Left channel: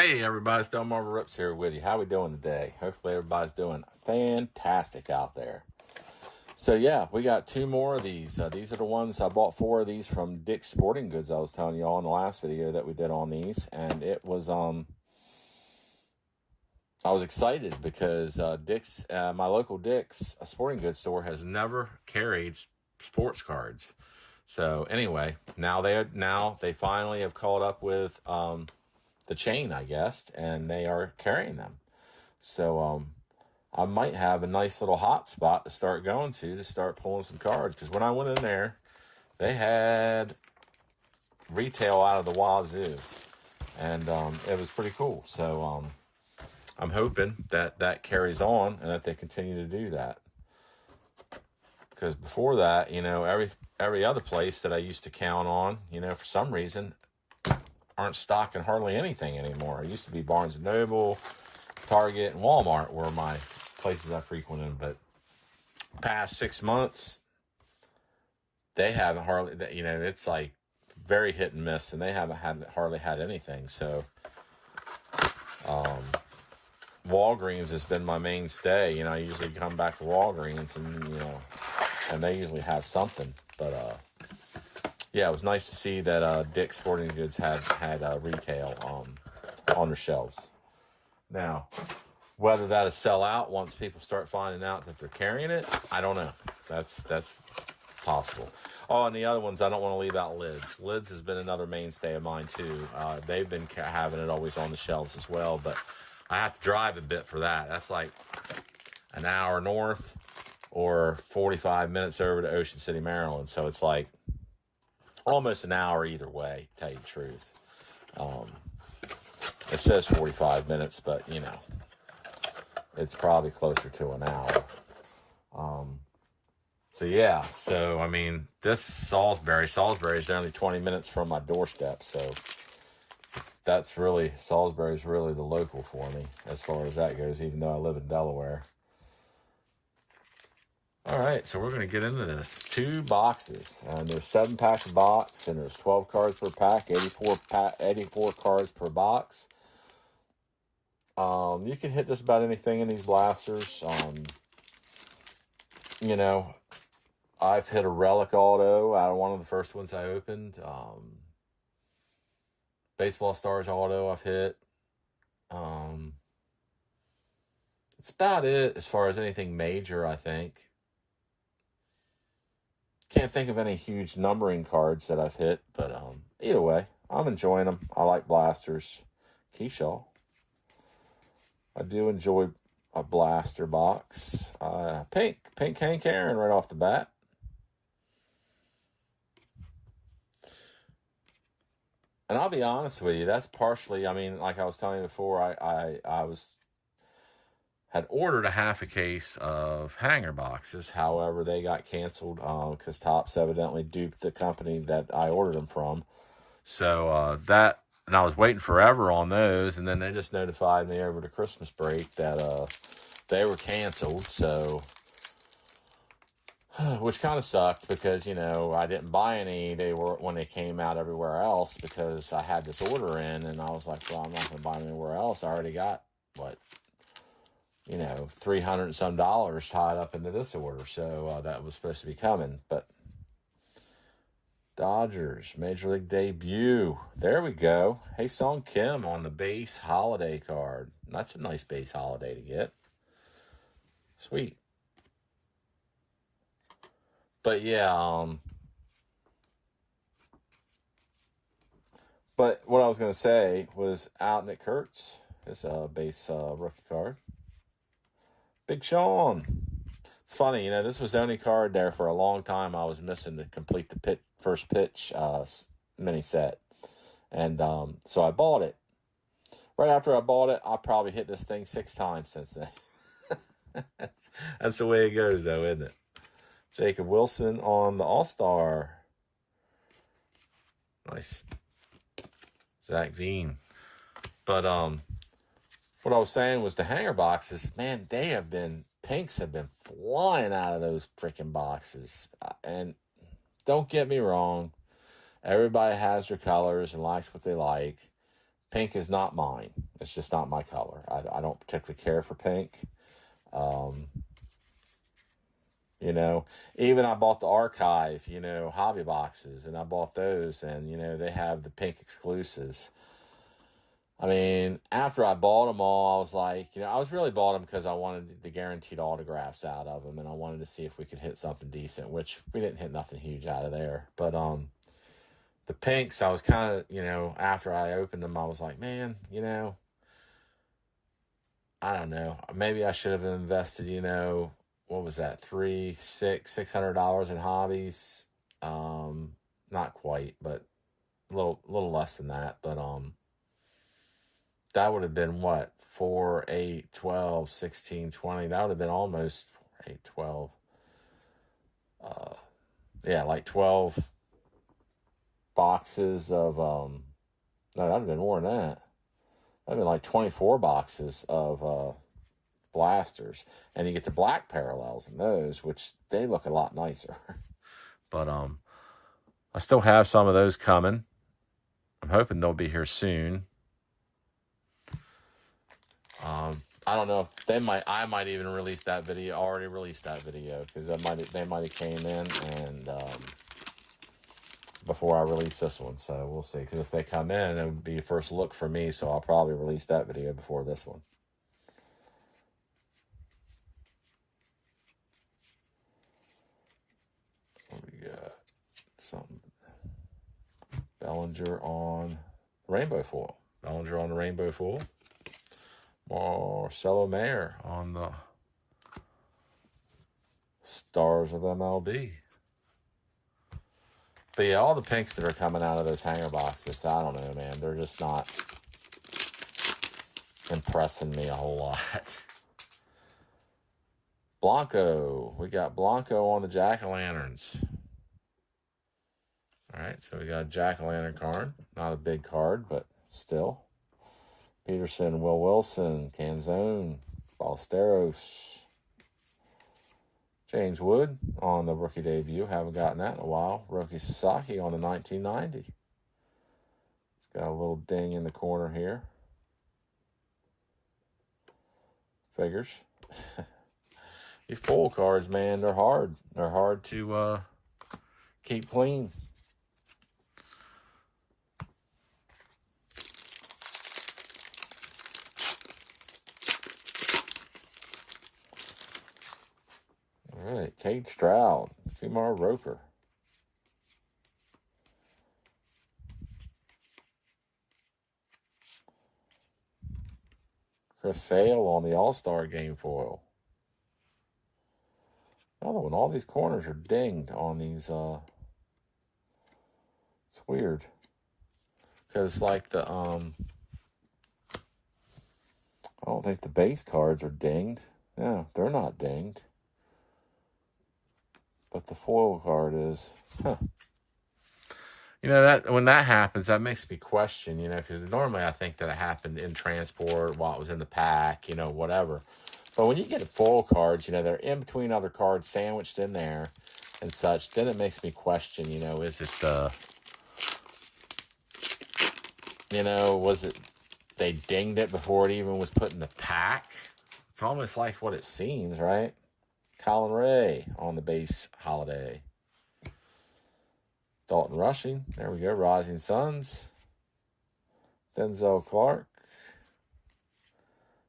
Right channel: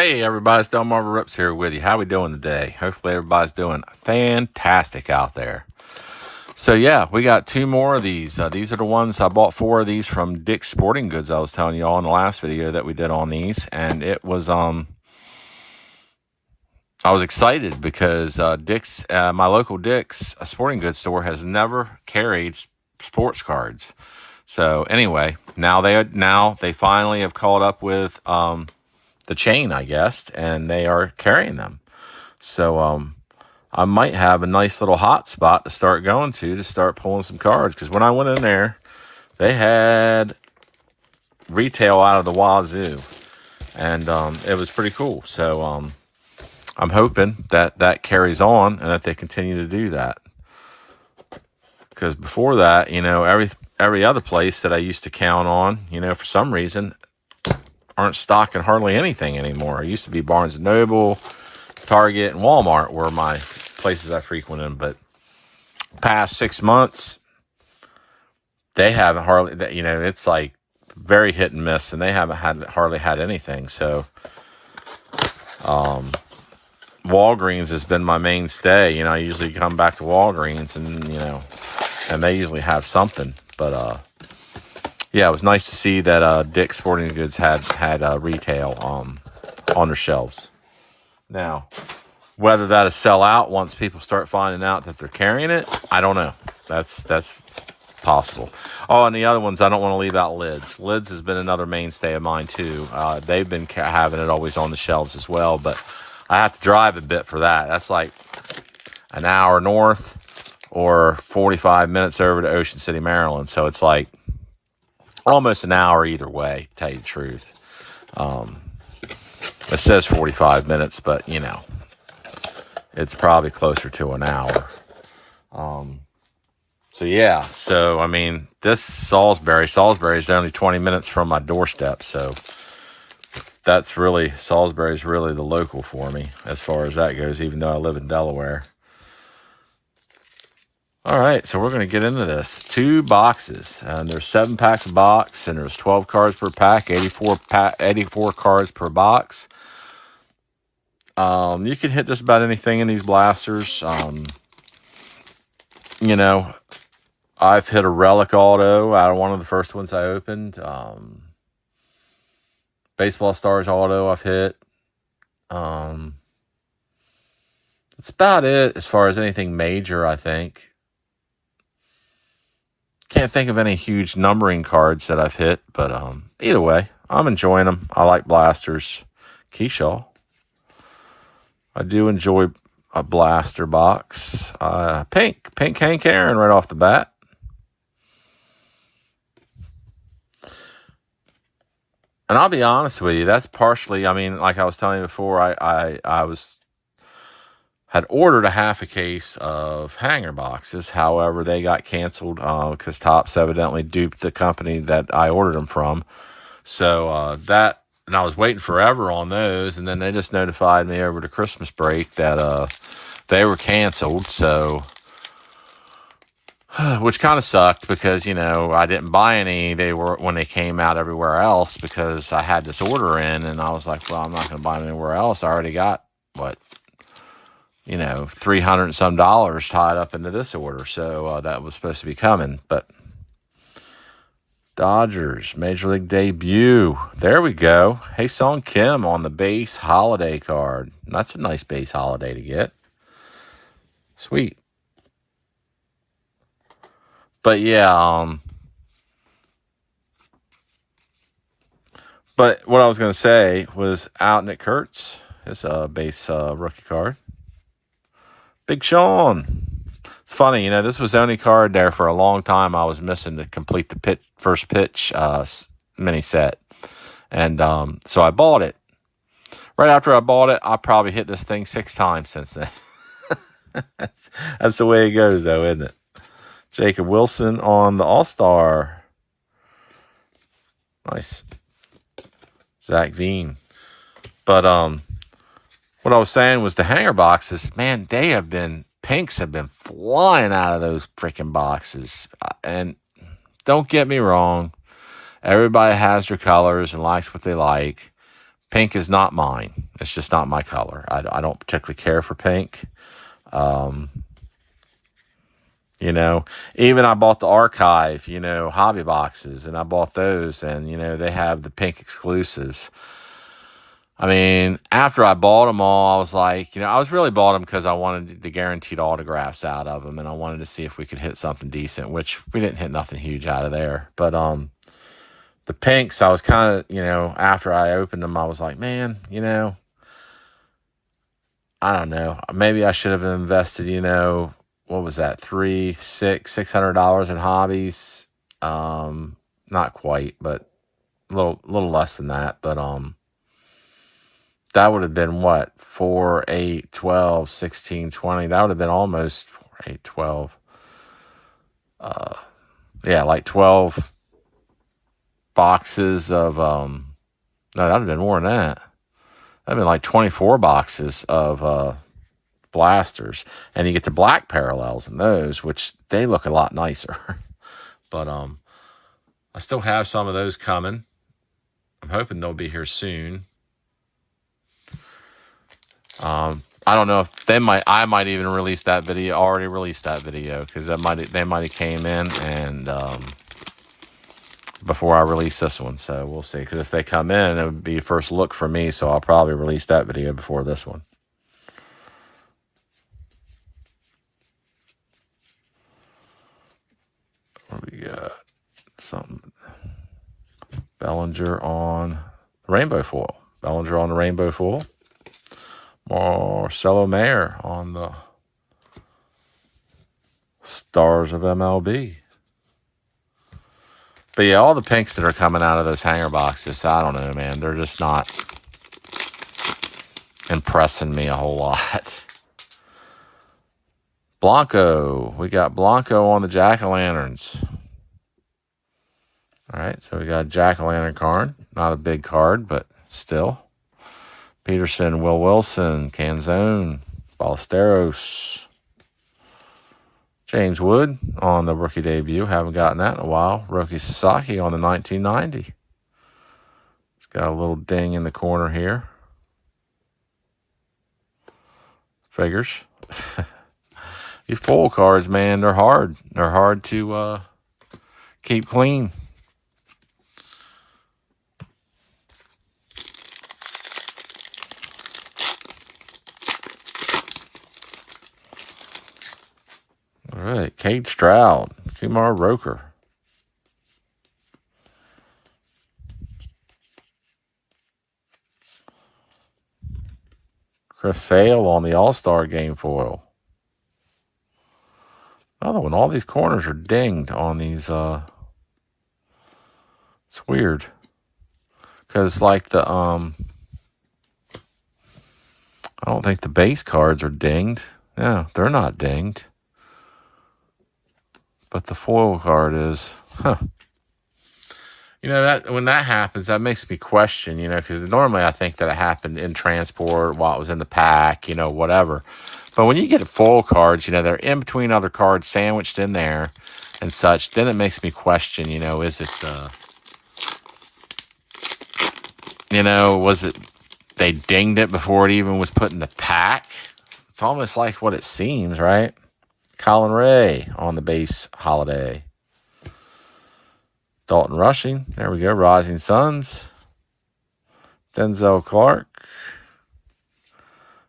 Hey everybody, it's Del Marvel Rips here with you. How we doing today? Hopefully everybody's doing fantastic out there. So yeah, we got two more of these. These are the ones I bought 4 of these from Dick's Sporting Goods. I was telling you all in the last video that we did on these, and it was I was excited because Dick's, my local Dick's Sporting Goods store has never carried sports cards. So anyway, now they finally have caught up with the chain, I guess, and they are carrying them. So I might have a nice little hot spot to start going to start pulling some cards, because when I went in there, they had retail out of the wazoo, and it was pretty cool. So I'm hoping that carries on and that they continue to do that, because before that, every other place that I used to count on, for some reason aren't stocking hardly anything anymore. It used to be Barnes & Noble, Target, and Walmart were my places I frequented, but past 6 months, they haven't hardly, it's like very hit and miss, and they haven't hardly had anything. So Walgreens has been my mainstay. I usually come back to Walgreens and they usually have something. But yeah, it was nice to see that Dick's Sporting Goods had retail on their shelves. Now, whether that'll sell out once people start finding out that they're carrying it, I don't know. That's possible. Oh, and the other ones, I don't want to leave out Lids. Lids has been another mainstay of mine too. They've been having it always on the shelves as well, but I have to drive a bit for that. That's like an hour north or 45 minutes over to Ocean City, Maryland. So it's like almost an hour either way, to tell you the truth. It says 45 minutes, but it's probably closer to an hour. So yeah, so I mean, this Salisbury is only 20 minutes from my doorstep, so that's really, Salisbury is really the local for me as far as that goes, even though I live in Delaware. All right, so we're going to get into this. 2 boxes, and there's 7 packs a box, and there's 12 cards per pack, 84 cards per box. You can hit just about anything in these blasters. I've hit a Relic Auto out of one of the first ones I opened. Baseball Stars Auto I've hit. That's about it as far as anything major, I think. Can't think of any huge numbering cards that I've hit, but either way, I'm enjoying them. I like blasters. Keyshaw. I do enjoy a blaster box. Pink Hank Aaron right off the bat. And I'll be honest with you, that's partially, like I was telling you before, I had ordered a half a case of hanger boxes. However, they got canceled because TOPPS evidently duped the company that I ordered them from. So and I was waiting forever on those, and then they just notified me over the Christmas break that they were canceled. So, which kind of sucked because, I didn't buy any. When they came out everywhere else, because I had this order in, and I was like, well, I'm not going to buy them anywhere else. I already got, $300 and some tied up into this order. So that was supposed to be coming. But Dodgers Major League debut. There we go. Hae-Sung Kim on the base holiday card. That's a nice base holiday to get. Sweet. But yeah, but what I was going to say was out Nick Kurtz, his base rookie card. Big Sean. It's funny, this was the only card there for a long time I was missing to complete the first pitch mini set. And so I bought it. Right after I bought it, I probably hit this thing 6 times since then. That's the way it goes, though, isn't it? Jacob Wilson on the All-Star. Nice. Zach Veen. But what I was saying was the hanger boxes, man, pinks have been flying out of those freaking boxes. And don't get me wrong, everybody has their colors and likes what they like. Pink is not mine. It's just not my color. I don't particularly care for pink. You know, even I bought the Archive, you know, hobby boxes, and I bought those, and, you know, they have the pink exclusives. I mean, after I bought them all, I was like, you know, I was really bought them because I wanted the guaranteed autographs out of them, and I wanted to see if we could hit something decent, which we didn't hit nothing huge out of there. But the pinks, I was kind of, you know, after I opened them, I was like, man, you know, I don't know. Maybe I should have invested, you know, what was that, $600 in hobbies? Not quite, but a little less than that. But that would have been what, 4, 8, 12, 16, 20. That would have been almost 4, 8, 12. Yeah, like 12 boxes of no, that would have been more than that. That'd have been like 24 boxes of blasters, and you get the black parallels in those, which they look a lot nicer. But I still have some of those coming. I'm hoping they'll be here soon. I don't know if I might even release that video, already released that video, because they might have came in and before I release this one. So we'll see, because if they come in, it would be first look for me, so I'll probably release that video before this one. What we got? Something. Bellinger on the rainbow foil. Bellinger on the rainbow foil. Marcelo Mayer on the Stars of MLB. But yeah, all the pinks that are coming out of those hanger boxes, I don't know, man. They're just not impressing me a whole lot. Blanco. We got Blanco on the Jack-o'-lanterns. All right, so we got a Jack-o'-lantern card. Not a big card, but still. Peterson, Will Wilson, Canzone, Ballesteros. James Wood on the rookie debut. Haven't gotten that in a while. Roki Sasaki on the 1990. It's got a little ding in the corner here. Figures. These foil cards, man, they're hard. They're hard to keep clean. All right, Cade Stroud, Kumar Roker. Chris Sale on the All-Star Game foil. Another one. All these corners are dinged on these. It's weird. Because like the, I don't think the base cards are dinged. No, they're not dinged. But the foil card is, huh. You know, that when that happens, that makes me question, you know, because normally I think that it happened in transport while it was in the pack, you know, whatever. But when you get foil cards, you know, they're in between other cards sandwiched in there and such, then it makes me question, you know, is it the, you know, was it, they dinged it before it even was put in the pack? It's almost like what it seems, right? Colin Ray on the base holiday. Dalton Rushing. There we go. Rising Suns. Denzel Clark.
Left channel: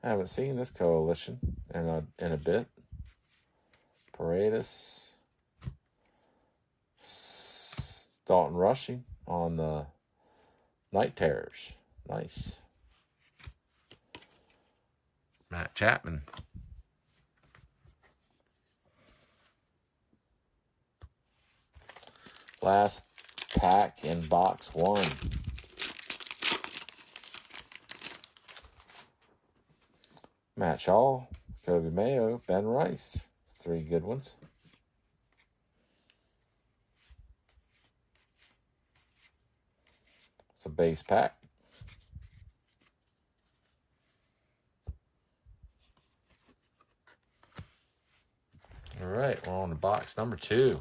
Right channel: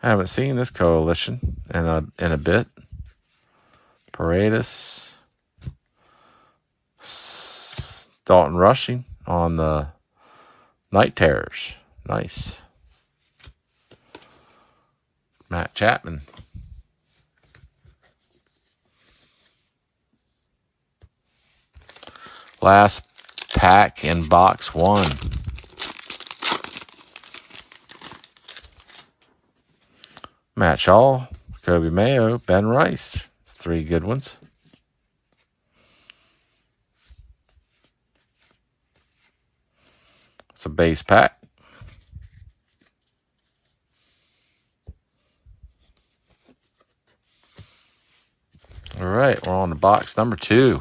Haven't seen this coalition in a bit. Paredes. Dalton Rushing on the Night Terrors. Nice. Matt Chapman. Last pack in box one. Matt Shaw, Kobe Mayo, Ben Rice. 3 good ones. It's a base pack. All right, we're on to box number 2.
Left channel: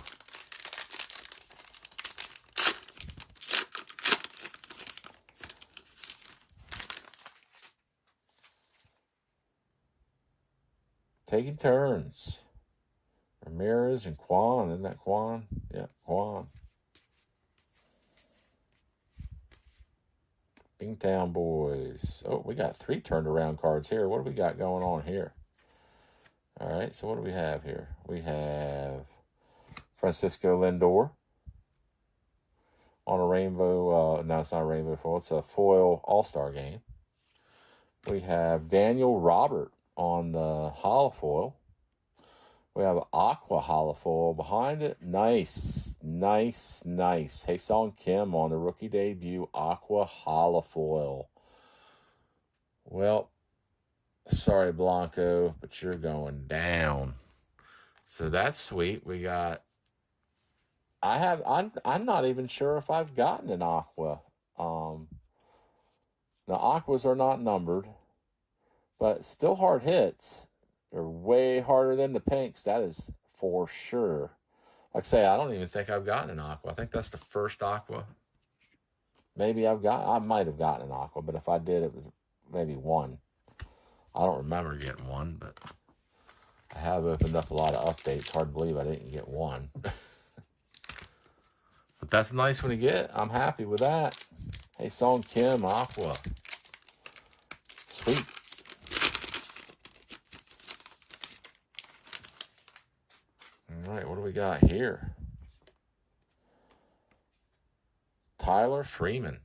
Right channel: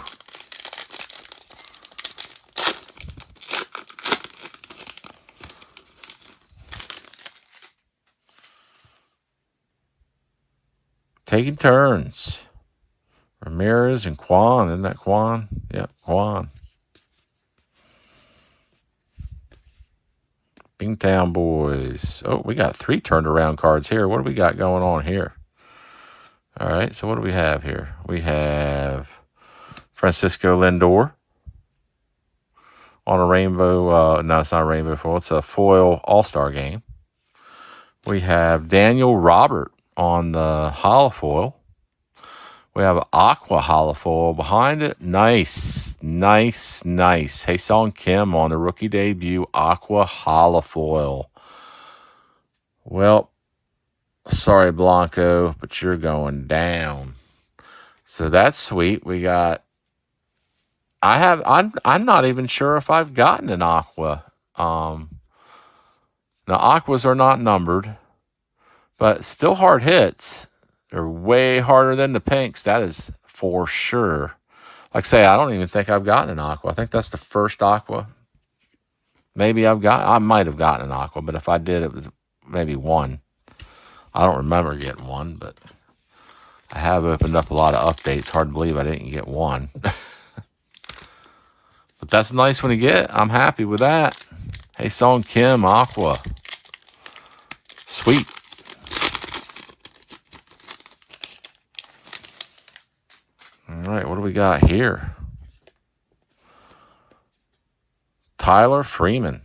taking turns. Ramirez and Quan. Isn't that Quan? Yep, Quan. Bingtown Boys. Oh, we got 3 turned around cards here. What do we got going on here? All right, so what do we have here? We have Francisco Lindor on a rainbow. No, it's not a rainbow foil. It's a foil all-star game. We have Daniel Robert on the holofoil. We have AQUA holofoil behind it. Nice, nice, nice. Hae-Sung Kim on the rookie debut AQUA holofoil. Well, sorry, Blanco, but you're going down. So that's sweet. We got. I'm not even sure if I've gotten an AQUA. Now AQUAs are not numbered, but still hard hits. They're way harder than the pinks. That is for sure. Like I say, I don't even think I've gotten an AQUA. I think that's the first AQUA. Maybe I might have gotten an AQUA, but if I did, it was maybe one. I don't remember getting one, but I have opened up a lot of updates. Hard to believe I didn't get one. But that's a nice one to get. I'm happy with that. Hae-Sung Kim, AQUA. Sweet. All right, what do we got here? Tyler Freeman.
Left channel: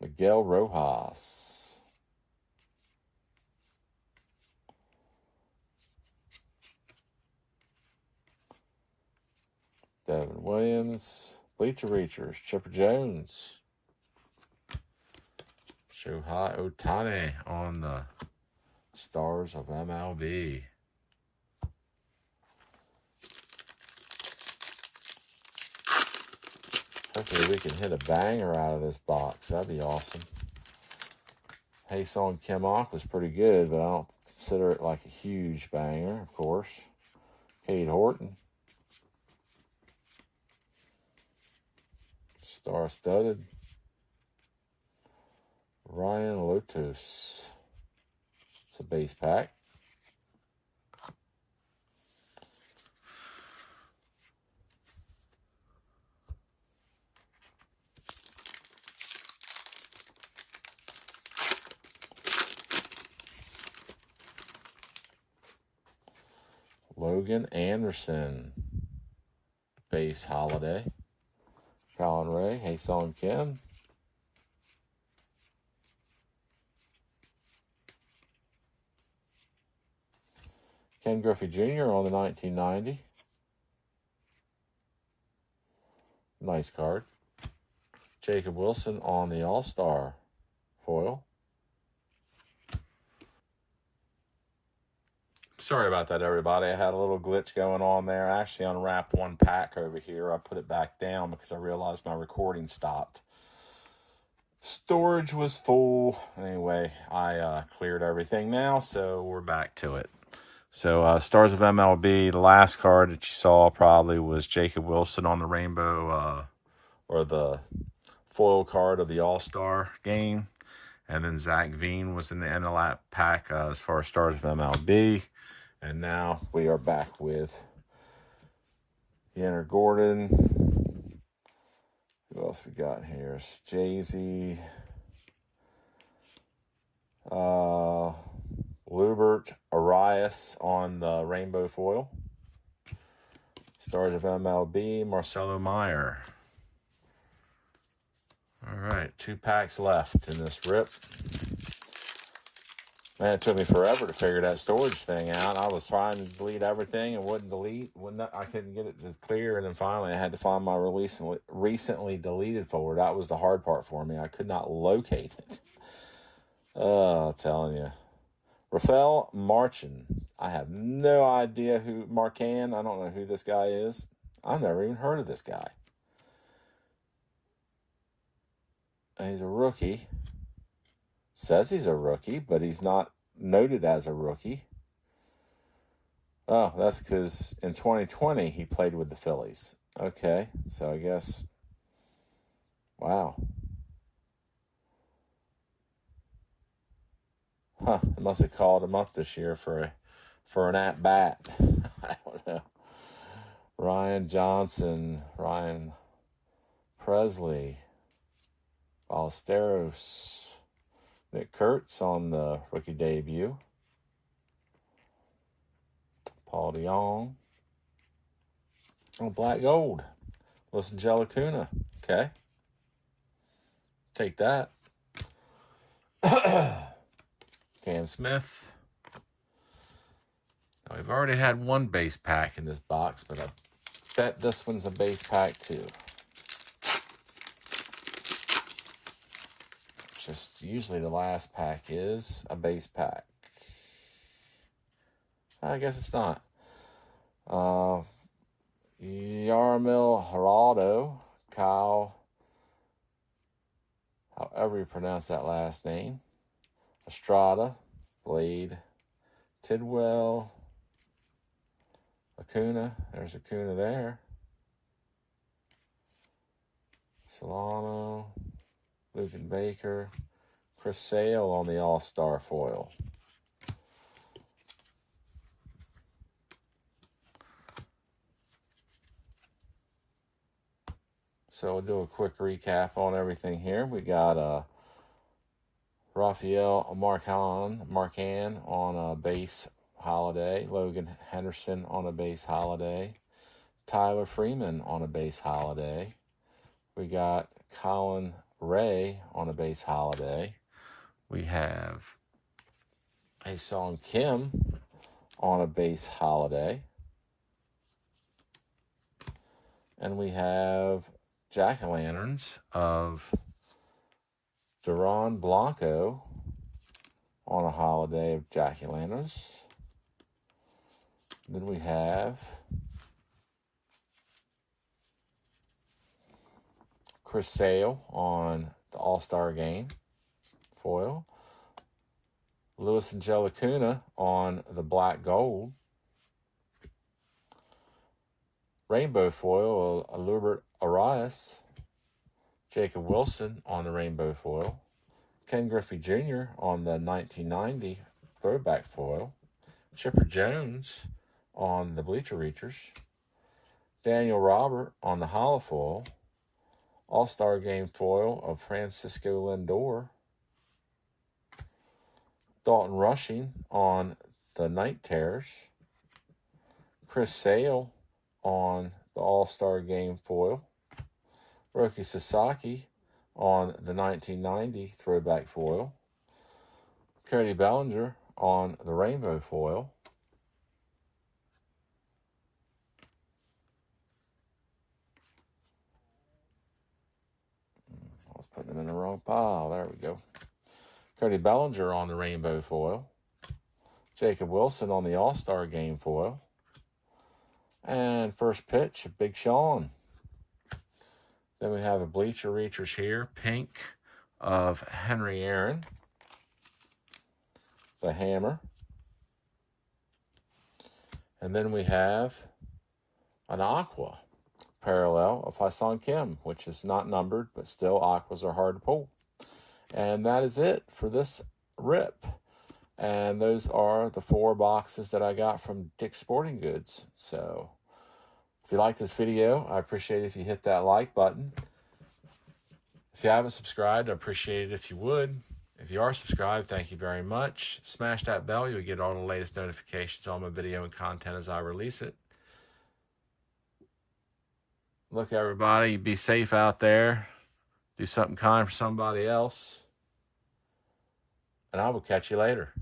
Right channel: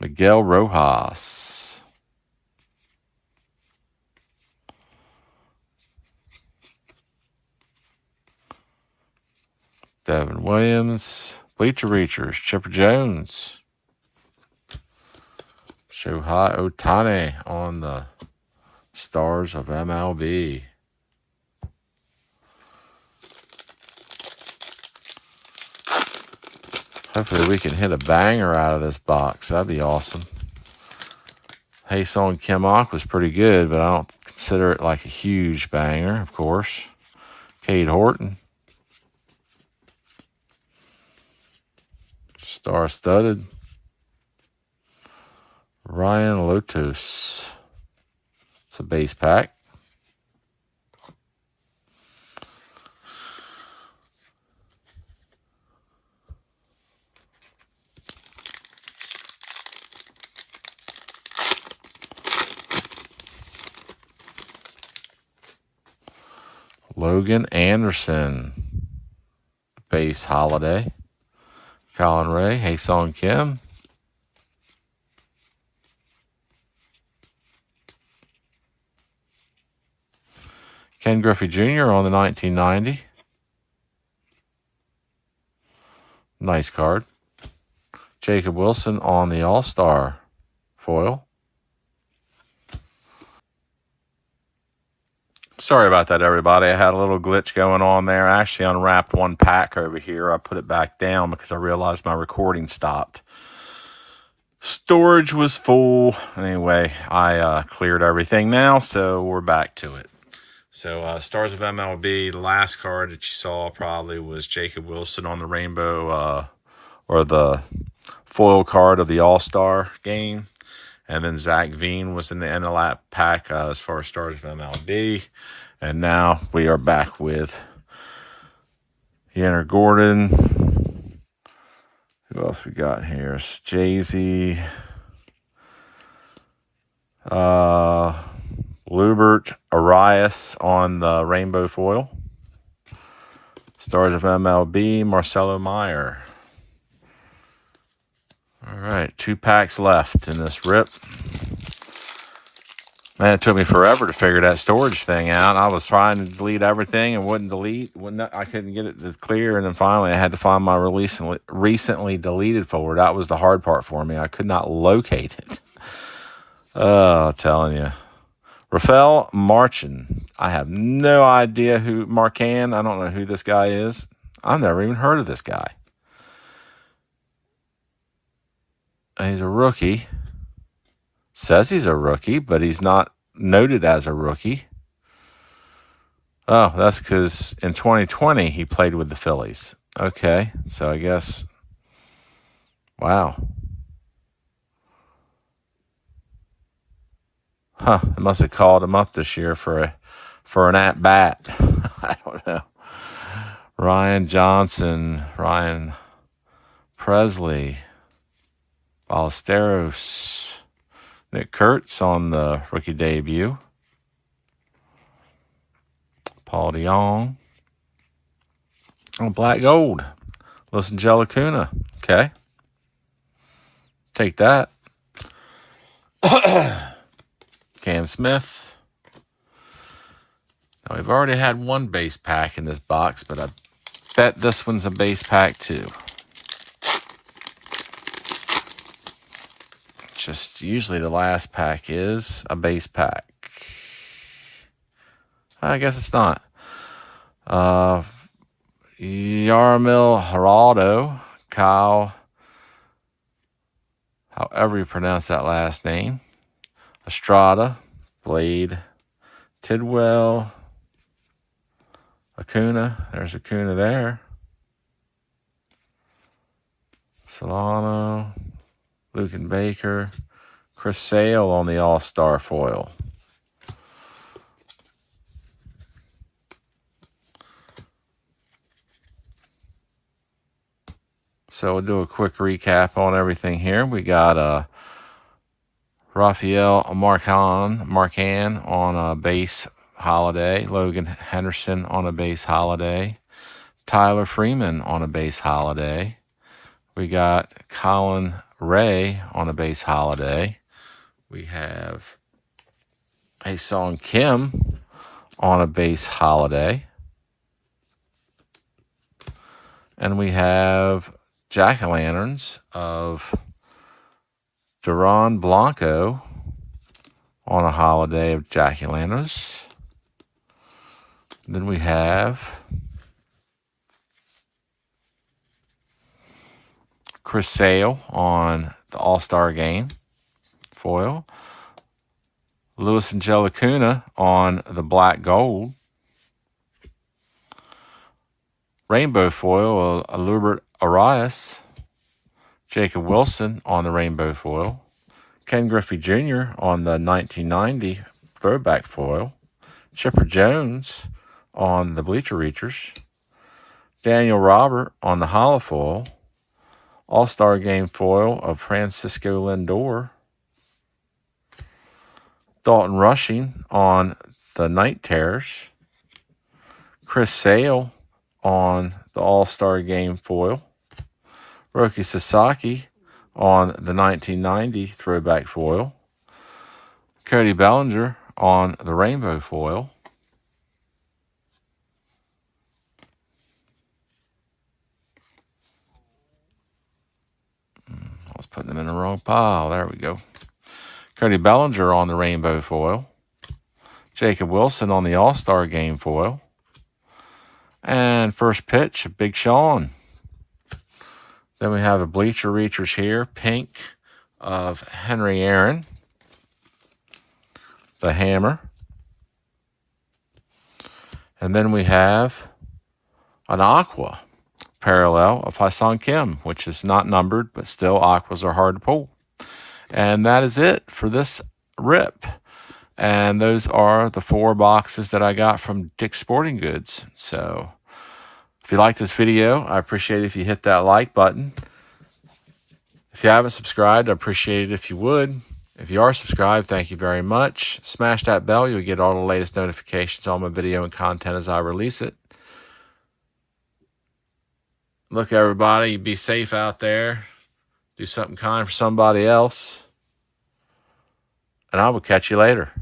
Miguel Rojas. Devin Williams. Bleacher Reachers. Chipper Jones. Shohei Ohtani on the Stars of MLB. Hopefully we can hit a banger out of this box. That'd be awesome. Hae-Sung Kim was pretty good, but I don't consider it like a huge banger, of course. Cade Horton. Star-studded. Ryan Lotus. It's a base pack. Logan Anderson. Base holiday. Colin Ray. Hae-Sung Kim. Ken Griffey Jr. on the 1990. Nice card. Jacob Wilson on the All-Star foil. Sorry about that, everybody. I had a little glitch going on there. I actually unwrapped one pack over here. I put it back down because I realized my recording stopped. Storage was full. Anyway, I cleared everything now, so we're back to it. So, Stars of MLB, the last card that you saw probably was Jacob Wilson on the rainbow, or the foil card of the All-Star game. And then Zach Veen was in the end of that pack as far as Stars of MLB. And now we are back with Yanner Gordon. Who else we got here? It's Jay-Z. Lubert Arias on the rainbow foil. Stars of MLB, Marcelo Meyer. All right, 2 packs left in this rip. Man, it took me forever to figure that storage thing out. I was trying to delete everything and wouldn't delete. I couldn't get it to clear, and then finally I had to find my recently deleted folder. That was the hard part for me. I could not locate it. Oh, I'm telling you. Rafael Marchin. I have no idea who. Marcan. I don't know who this guy is. I've never even heard of this guy. He's a rookie. Says he's a rookie, but he's not noted as a rookie. Oh, that's because in 2020 he played with the Phillies. Okay, so I guess. Wow. Huh, they must have called him up this year for an at-bat. I don't know. Ryan Johnson, Ryan Presley, Ballesteros, Nick Kurtz on the rookie debut, Paul DeYoung, on black gold, Los Angelicuna. Okay. Take that. Cam Smith. Now, we've already had one base pack in this box, but I bet this one's a base pack too. Just usually the last pack is a base pack. I guess it's not. Yarmil Geraldo, Kyle, however you pronounce that last name, Estrada, Blade, Tidwell, Acuna, there's Acuna there, Solano, Lucan Baker, Chris Sale on the All-Star foil. So we'll do a quick recap on everything here. We got Rafael Marcan on a base holiday, Logan Henderson on a base holiday, Tyler Freeman on a base holiday. We got Colin Ray on a base holiday. We have Ha-Seong Kim on a base holiday. And we have jack-o'-lanterns of Duran Blanco on a holiday of jack-o'-lanterns. Then we have Chris Sale on the All-Star Game foil. Luis Angelicuna on the black gold. Rainbow foil, Alubert Arias. Jacob Wilson on the rainbow foil. Ken Griffey Jr. on the 1990 throwback foil. Chipper Jones on the Bleacher Reachers. Daniel Robert on the hollow foil. All-Star Game foil of Francisco Lindor. Dalton Rushing on the Night Terrors. Chris Sale on the All-Star Game foil. Roki Sasaki on the 1990 throwback foil. Cody Bellinger on the rainbow foil. I was putting them in the wrong pile. There we go. Cody Bellinger on the rainbow foil. Jacob Wilson on the All-Star Game foil. And first pitch, Big Sean. Then we have a Bleacher Reachers here, pink of Henry Aaron, the hammer. And then we have an AQUA parallel of Ha-Seong Kim, which is not numbered, but still AQUAs are hard to pull. And that is it for this rip. And those are the 4 boxes that I got from Dick's Sporting Goods. So if you like this video, I appreciate it if you hit that like button. If you haven't subscribed, I appreciate it if you would. If you are subscribed, thank you very much. Smash that bell. You'll get all the latest notifications on my video and content as I release it. Look, everybody, be safe out there. Do something kind for somebody else. And I will catch you later.